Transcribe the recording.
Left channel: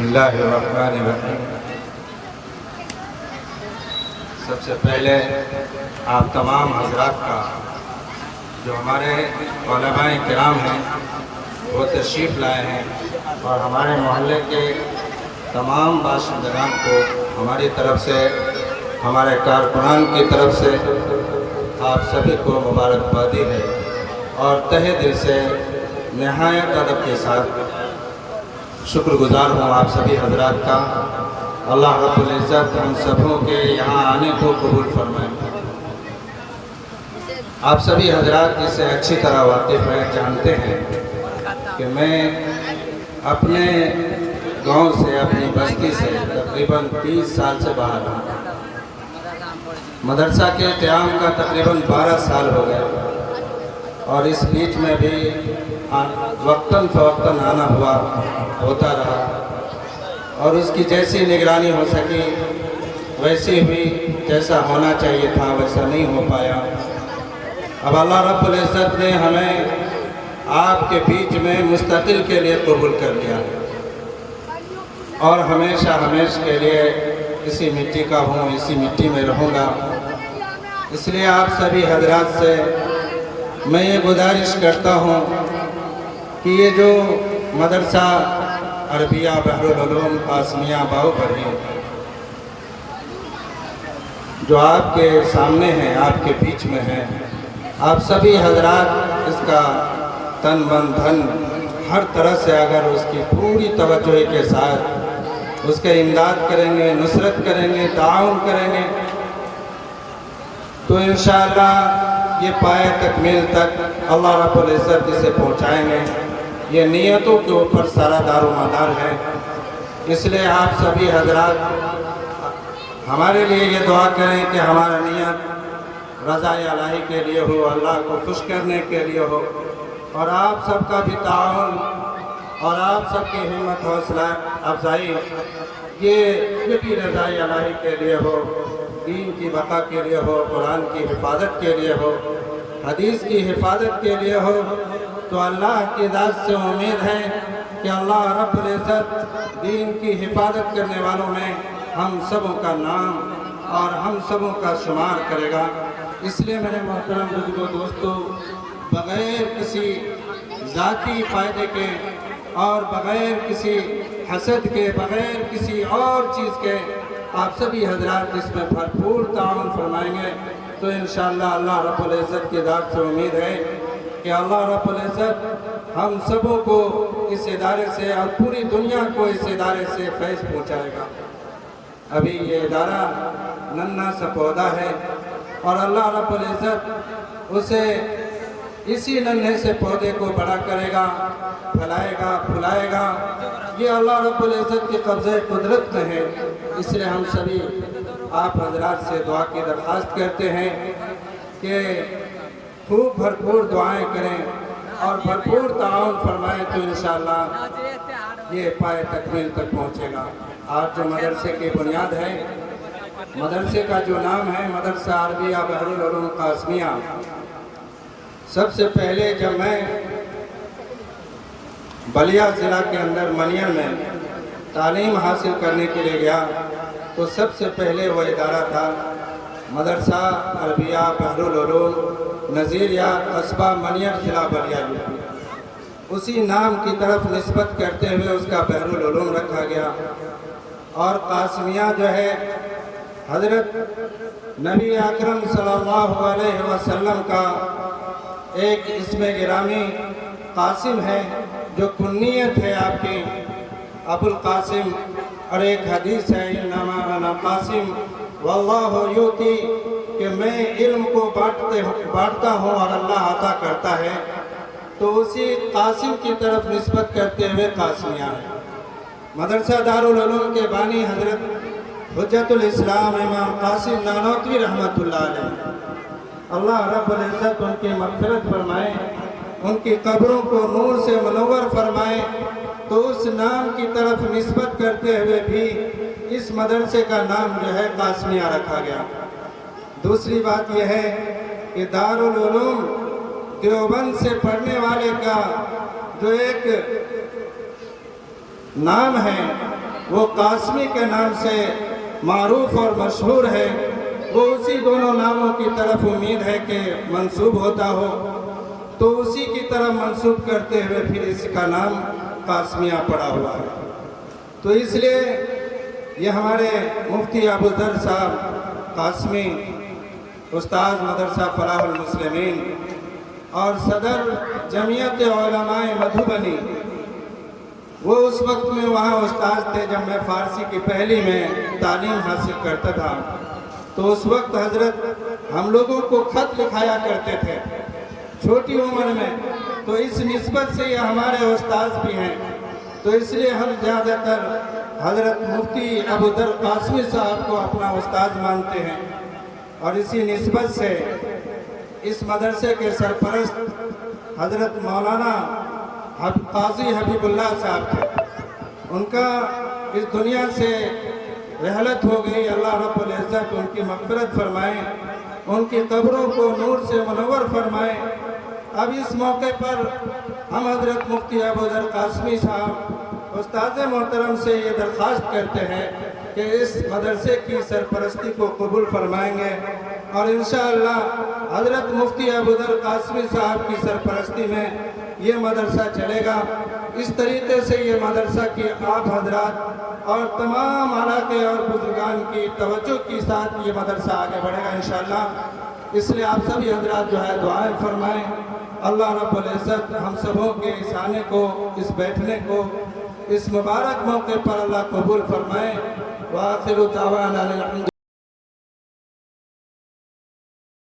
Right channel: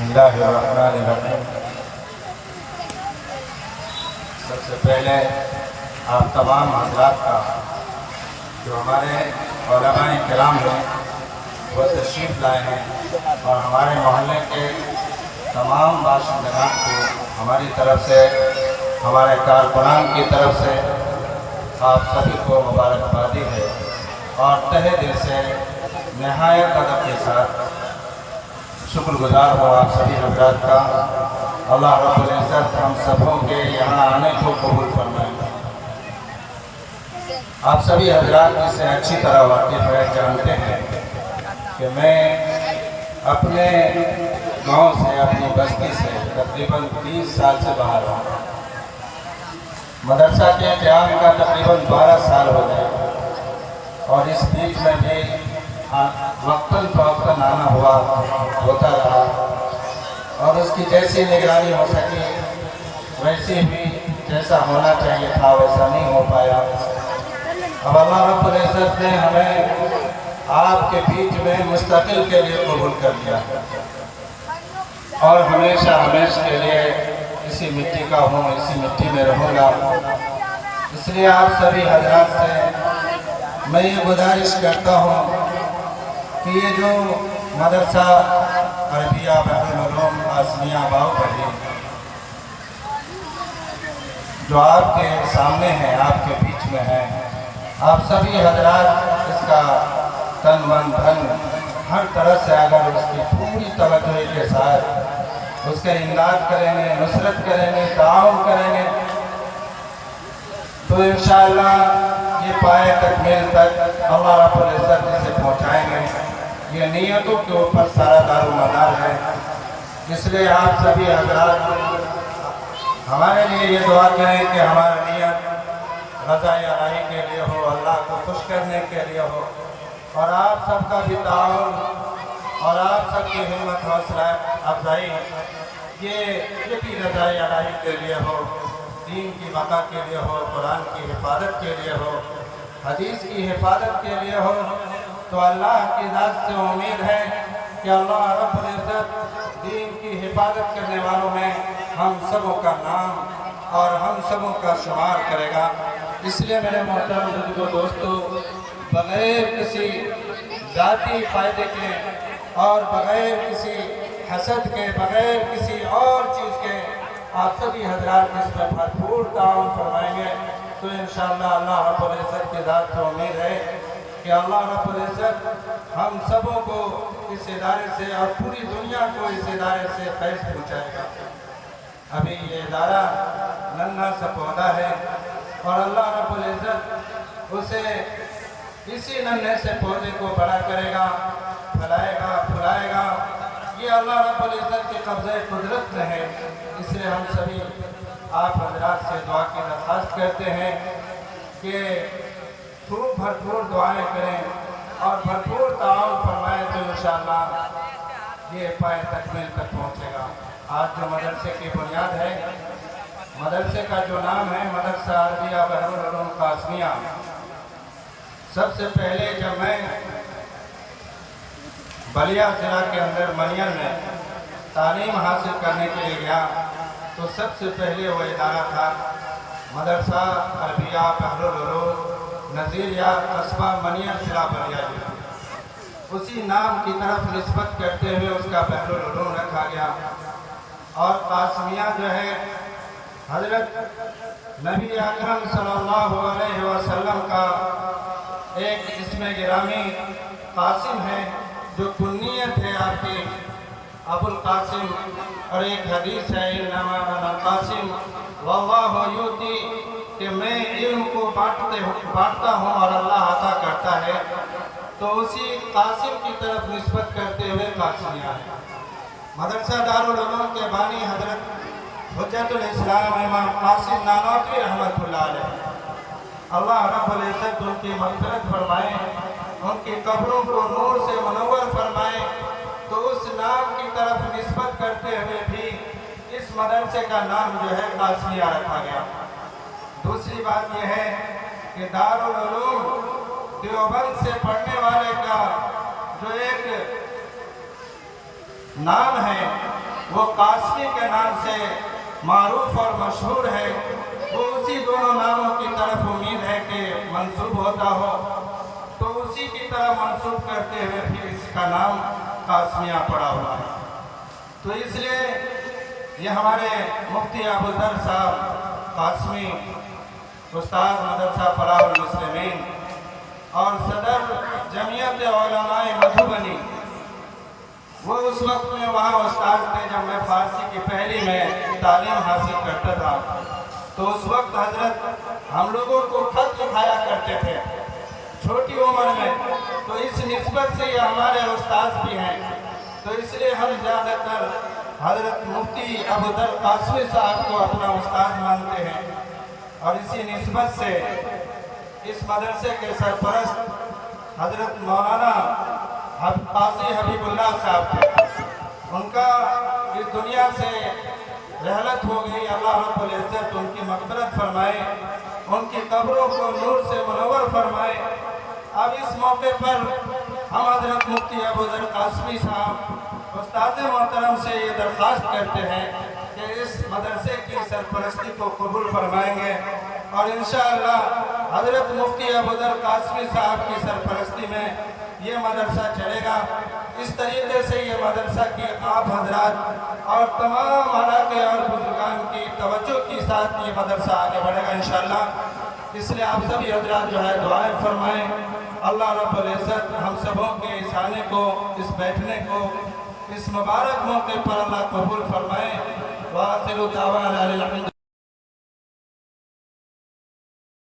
بسم اللہ الرحمن الرحیم۔ سب سے پہلے آپ تمام حضرات کا جو ہمارے علماء کرام ہیں وہ تشریف لائے ہیں اور ہمارے محلے کے تمام باشندگان کو ہماری طرف سے، ہمارے کارکنان کی طرف سے آپ سبھی کو مبارکبادی ہے اور تہہ دل سے نہایت ادب کے ساتھ شکر گزار ہوں آپ سبھی حضرات کا۔ اللہ رب العزت ہم سبوں کے یہاں آنے کو قبول فرمائے۔ آپ سبھی حضرات اس سے اچھی طرح واقف ہے، جانتے ہیں کہ میں اپنے گاؤں سے، اپنی بستی سے تقریباً 30 سال سے باہر ہوں۔ مدرسہ کے قیام کا تقریباً 12 سال ہو گئے اور اس بیچ میں بھی وقتاً فوقتاً آنا ہوتا رہا اور اس کی جیسی نگرانی ہو سکی ویسی بھی، جیسا ہونا چاہیے تھا ویسا نہیں ہو پایا۔ اب اللہ رب العزت نے ہمیں آپ کے بیچ میں مستقل کے لیے قبول کر لیا اور ہمیشہ کے لیے اسی مٹی کا ہوں، اسی مٹی میں رہوں گا۔ اس لیے آپ سبھی حضرات سے میں یہ گزارش کرتا ہوں کہ یہ جو مدرسہ عربیہ بحرالعلوم قاسمیہ باہوپلی جو آپ کے سامنے ہیں، آپ کے بیچ میں ہے، آپ سبھی حضرات اس کا تن من دھن ہر طرح سے اگر اس کی پوری توجہ کے ساتھ اس کے امداد کریں گے، نصرت کریں گے، تعاون کریں گے تو انشاءاللہ یہ پائے تکمیل تک اللہ رب العزت اسے پہنچائیں گے۔ یہ نیتوں کے اوپر سارا دار و مدار ہے۔ اس لیے آپ سبھی حضرات ہمارے لیے یہ دعا کریں کہ ہمارا نیت رضا الہی کے لیے ہو، اللہ کو خوش کرنے کے لیے ہو، اور آپ سب کا بھی تعاون اور آپ سب کی ہمت حوصلہ افزائی یہ بھی رضا الہی کے لیے ہو، دین کی بقا کے لیے ہو، قرآن کی حفاظت کے لیے ہو، حدیث کی حفاظت کے لیے ہو، تو اللہ کی ذات سے امید ہے کہ اللہ رب العزت دین کی حفاظت کرنے والوں میں ہم سبوں کا نام اور ہم سبوں کا شمار کرے گا۔ اس لیے میرے محترم بزرگوں دوستو، بغیر کسی ذاتی فائدے کے اور بغیر کسی حسد کے، بغیر کسی اور چیز کے آپ سبھی حضرات اس میں بھرپور تعاون فرمائیں گے تو انشاءاللہ اللہ رب العزت کی ذات سے امید ہے کہ اللہ رب العزت ہم سبوں کو اس ادارے سے اور پوری دنیا کو اس ادارے سے فیض پہنچائے گا۔ ابھی یہ ادارہ ننھا سا پودا ہے اور اللہ رب العزت اسے اسی ننھے سے پودے کو بڑا کرے گا، پھلائے گا، پھلائے گا۔ یہ اللہ رب العزت کے قبضہ قدرت میں ہے۔ اس لیے ہم سبھی آپ حضرات سے دعا کی درخواست کرتے ہیں کہ خوب بھرپور دعائیں کریں اور بھرپور تعاون فرمائیں تو انشاءاللہ یہ پائے تکمیل تک پہنچے گا۔ آج جو مدرسے کی بنیاد ہے، مدرسے کا جو نام ہے مدرسہ عربیہ بحرالعلوم قاسمیہ، سب سے پہلے جب میں بلیا ضلع کے اندر منیر میں تعلیم حاصل کرنے کے لیے گیا تو سب سے پہلے وہ ادارہ تھا مدرسہ عربیہ بحرالعلوم نظیریہ قصبہ منیر ضلع بلیا یو پی۔ اسی نام کی طرف نسبت کرتے ہوئے اس کا بحرالعلوم رکھا گیا اور قاسمیہ جو ہے حضرت نبی اکرم صلی اللہ علیہ وسلم کا ایک اسم گرامی قاسم ہے جو کنیت ہے آپ کی ابو القاسم، اور ایک حدیث ہے انما انا قاسم واللہ یؤتی کہ میں علم کو بانٹتا ہوں اور اللہ عطا کرتا ہے، تو اسی قاسم کی طرف نسبت کرتے ہوئے قاسمیہ ہے۔ مدرسہ دارالعلوم کے بانی حضرت حجت الاسلام امام قاسم نانوتوی رحمۃ اللہ علیہ، اللہ رب العزت ان کی مغفرت فرمائے، ان کی قبروں کو نور سے منور فرمائے، تو اس نام کی طرف نسبت کرتے ہوئے بھی اس مدرسے کا نام جو ہے قاسمیہ رکھا گیا۔ دوسری بات یہ ہے کہ دارالعلوم دیوبند سے پڑھنے والے کا جو ایک نام ہے وہ قاسمی کے نام سے معروف اور مشہور ہے، وہ اسی دونوں ناموں کی طرف امید ہے کہ منسوب ہوتا ہو، تو اسی کی طرف منسوب کرتے ہوئے پھر اس کا نام قاسمیہ پڑا ہوا ہے۔ تو اس لیے یہ ہمارے مفتی ابوذر صاحب قاسمی، استاد مدرسہ فلاح المسلمین اور صدر جمعیت علماء مدھوبنی، وہ اس وقت میں وہاں استاد تھے جب میں فارسی کی پہلی میں تعلیم حاصل کرتا تھا، تو اس وقت حضرت ہم لوگوں کو خط لکھایا کرتے تھے چھوٹی عمر میں، تو اس نسبت سے یہ ہمارے استاد بھی ہیں، تو اس لیے ہم زیادہ تر حضرت مفتی ابوذر قاسمی صاحب کو اپنا استاد مانتے ہیں، اور اسی نسبت سے اس مدرسے کے سرپرست حضرت مولانا قاضی حبیب اللہ صاحب تھے، ان کا اس دنیا سے رحلت ہو گئی، اللہ رب العزت ان کی مغفرت فرمائے، ان کی قبروں کو نور سے منور فرمائے۔ اب اس موقع پر ہم حضرت مفتی ابوذر قاسمی صاحب استاد محترم سے یہ درخواست کرتے ہیں کہ اس مدرسے کی سرپرستی کو قبول فرمائیں گے، اور انشاءاللہ حضرت مفتی ابوذر قاسمی صاحب کی سرپرستی میں یہ مدرسہ چلے گا۔ اس طریقے سے یہ مدرسہ کی آپ حضرات اور تمام علاقے اور بزرگان کی توجہ کے ساتھ یہ مدرسہ آگے بڑھے گا انشاءاللہ۔ اس لیے آپ سبھی حضرات جو ہے دعائیں فرمائیں، اللہ رب العزت ہم سبوں کے اس آنے کو، اس بیٹھنے کو، اس مبارک موقع پر اللہ قبول فرمائے۔ وآخر دعوانا الحمد